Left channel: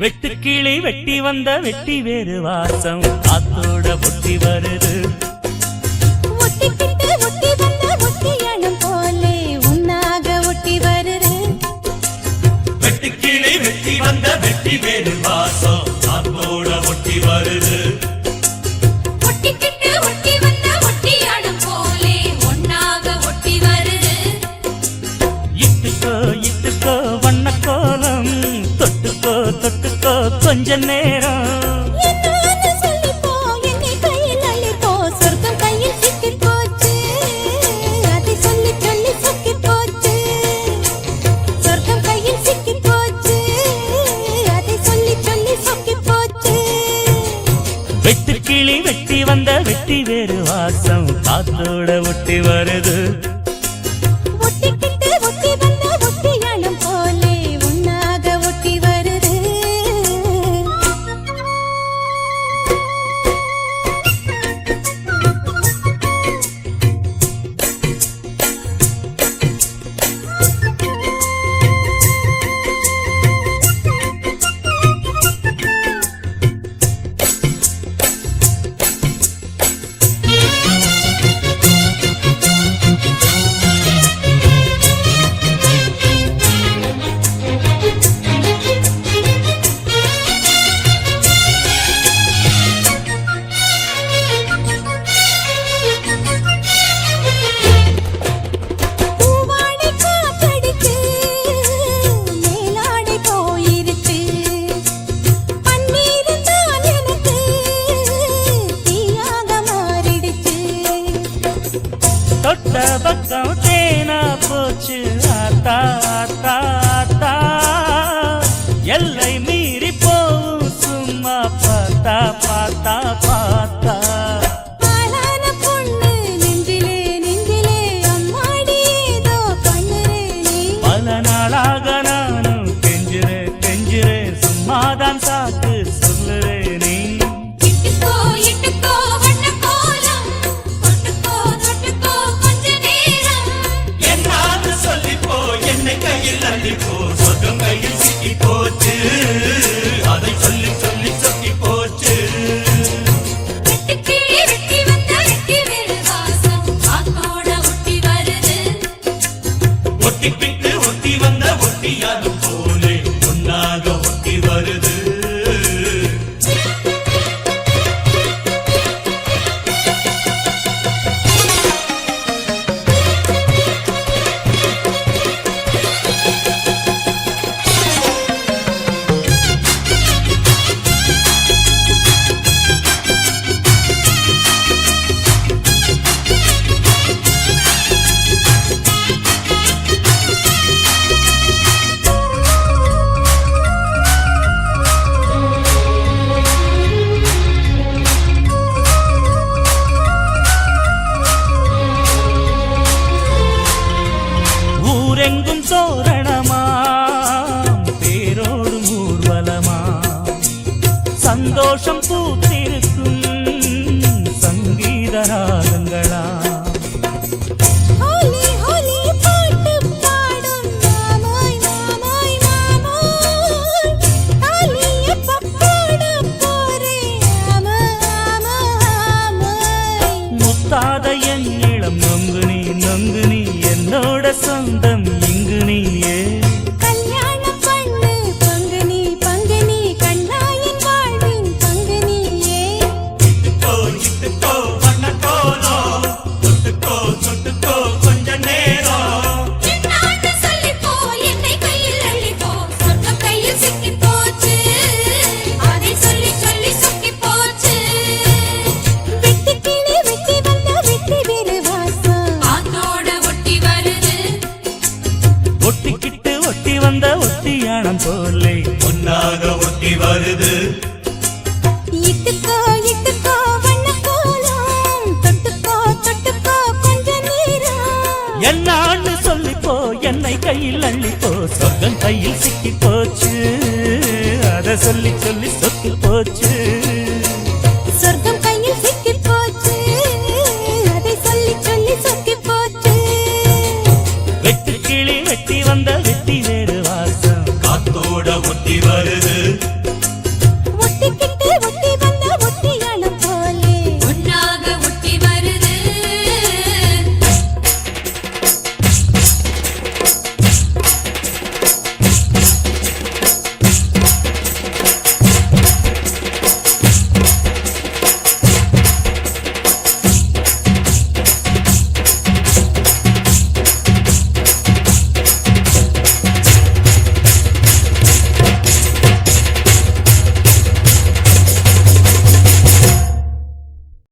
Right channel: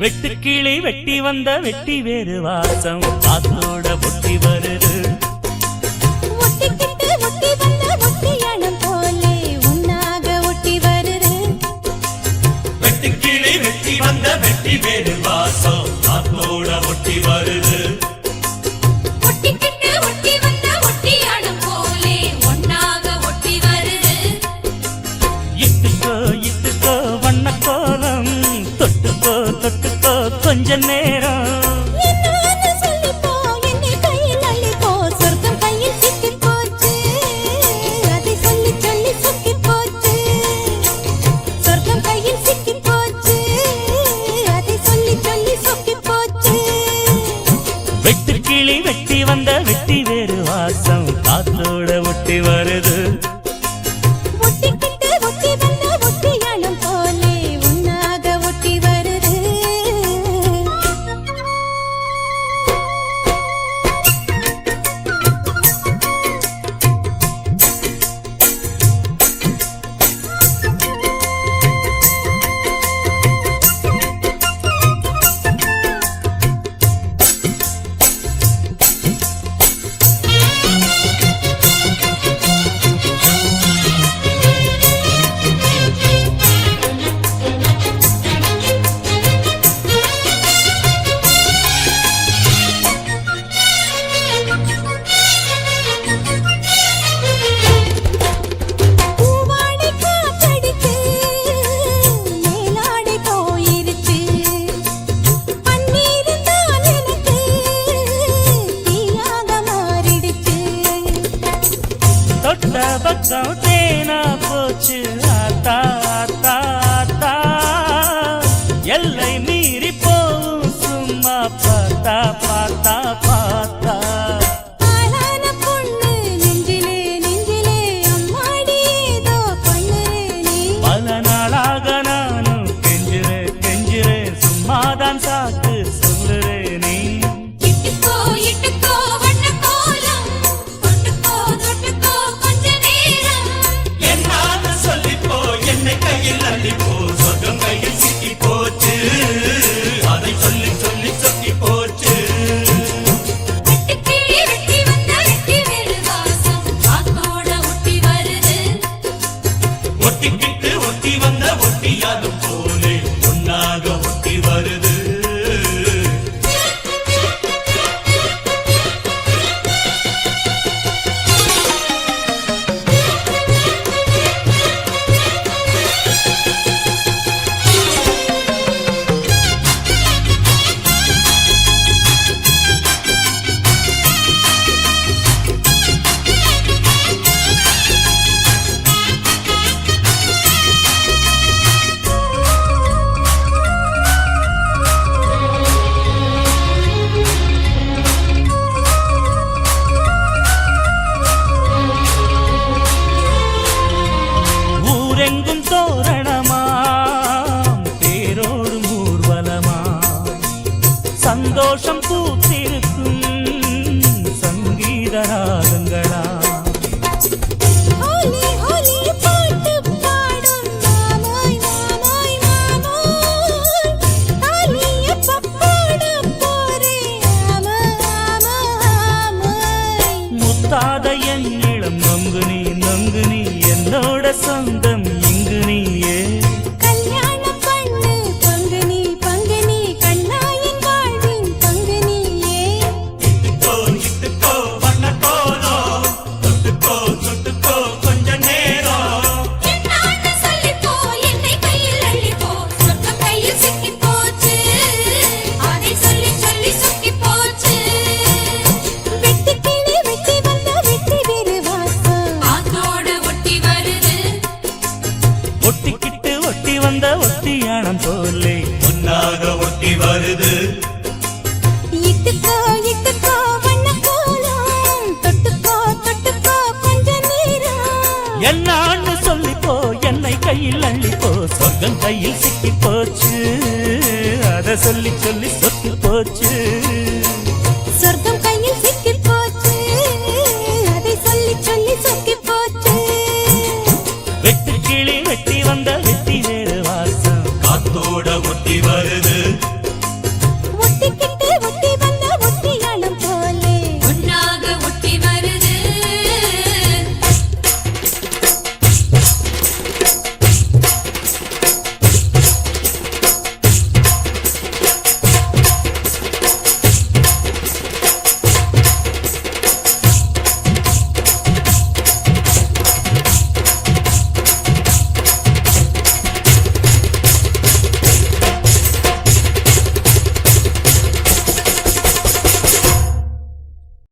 வெட்டுக்கிளி வெட்டி வந்த வெட்டி வேறு வாசம் காத்தோட ஒட்டி வருது. ஒட்டிக்கிட்டு ஒட்டி வந்த ஒட்டியானம் போலே உன்னாக ஒட்டி வருது. வெட்டுக்கிளி வெட்டி வந்த வெட்டி வேறு வாசம் காத்தோட ஒட்டி வருது. ஒட்டிக்கிட்டு ஒட்டி வந்த ஒட்டியானம் போலே உன்னாக ஒட்டி வருது. இட்டுக்கோ இட்டுக்கோ வண்ண கோலம் தொட்டுக்கோ தொட்டுக்கோ கொஞ்ச நேரம் என்னன்னு சொல்லிப்போ என்னை கையில் அள்ளிப்போ சொர்க்கம் கையில் சிக்கி போச்சு அதை சொல்லி சொல்லி சொக்கி போச்சு. சொர்க்கம் கையில் சிக்கி போச்சு அதை சொல்லி சொல்லி சொக்கி போச்சு. வெட்டுக்கிளி வெட்டி வந்த வெட்டி வேறு வாசம் காத்தோட ஒட்டி வருது. ஒட்டிக்கிட்டு ஒட்டி வந்த ஒட்டியானம் போலே உன்னாக ஒட்டி வருது. தொட்ட பக்கம் தேனா போச்சு ஆத்தா ஆத்தா ஆத்தா எல்லை மீறி போவும் சும்மா பார்த்தா பார்த்தா பார்த்தா. ஆளான பொண்ணு நெஞ்சிலே நெஞ்சிலே அம்மாடி ஏதோ பண்ணுறே நீ. பல நாளாக நானும் கெஞ்சுறேன் கெஞ்சுறேன் சும்மாதான் சாக்கு சொல்லுறேன் நீ. இட்டுக்கோ இட்டுக்கோ வண்ண கோலம் தொட்டுக்கோ தொட்டுக்கோ கொஞ்ச நேரம். என்னான்னு சொல்லிப்போ என்னை கையில் அள்ளிப்போ சொர்க்கம் கையில் சிக்கி போச்சு அதை சொல்லி சொல்லி சொக்கி போச்சு. வெட்டுக்கிளி வெட்டி வந்த வெட்டி வேறு வாசம் காத்தோட ஒட்டி வருது. ஒட்டிக்கிட்டு ஒட்டி வந்த ஒட்டியாலும் போலே ஒன்னாக ஒட்டி வருது. ஊரெங்கும் தோரணமாம் தேரோடும் ஊர்வலமா சந்தோஷம் பூத்திருக்கும் சங்கீத ராகங்களா. ஹோலி ஹோலி பாட்டு பாடும் மாமாய் மாமாய் மாமாய் தாலிய பப்பாட போரே ஆமா ஆமா ஆமாய். முத்தாத என் இளம் நொங்கு நீ என்னோட சொந்தம் இங்கு நீயே. கல்யாணம் பண்ணு பங்கு நீ கண்ணாயின் வாழ்வின் பங்கு நீயே. இட்டுக்கோ இட்டுக்கோ வண்ண கோலம் தொட்டுக்கோ தொட்டுக்கோ கொஞ்ச நேரம். என்னான்னு சொல்லிப்போ என்னை கையில் அள்ளிப்போ சொர்க்கம் கையில் சிக்கி போச்சு அதை சொல்லி சொல்லி சொக்கி போச்சு. வெட்டுக்கிளி வெட்டி வந்த வெட்டி வேறு வாசம் காத்தோட ஒட்டி வருது. ஒட்டிக்கிட்டு ஒட்டி வந்த ஒட்டியானம் போலே ஒன்னாக ஒட்டி வருது. இட்டுக்கோ இட்டுக்கோ வண்ண கோலம் தொட்டுக்கோ தொட்டுக்கோ கொஞ்ச நேரம். என்னான்னு சொல்லிப்போ என்னை கையில் அள்ளிப்போ சொர்க்கம் கையில் சிக்கி போச்சு அதை சொல்லி சொல்லி சொக்கி போச்சு. சொர்க்கம் கையில் சிக்கி போச்சு அதை சொல்லி சொல்லி சொக்கி போச்சு. வெட்டுக்கிளி வெட்டி வந்த வெட்டி வேறு வாசம் காத்தோட ஒட்டி வருது.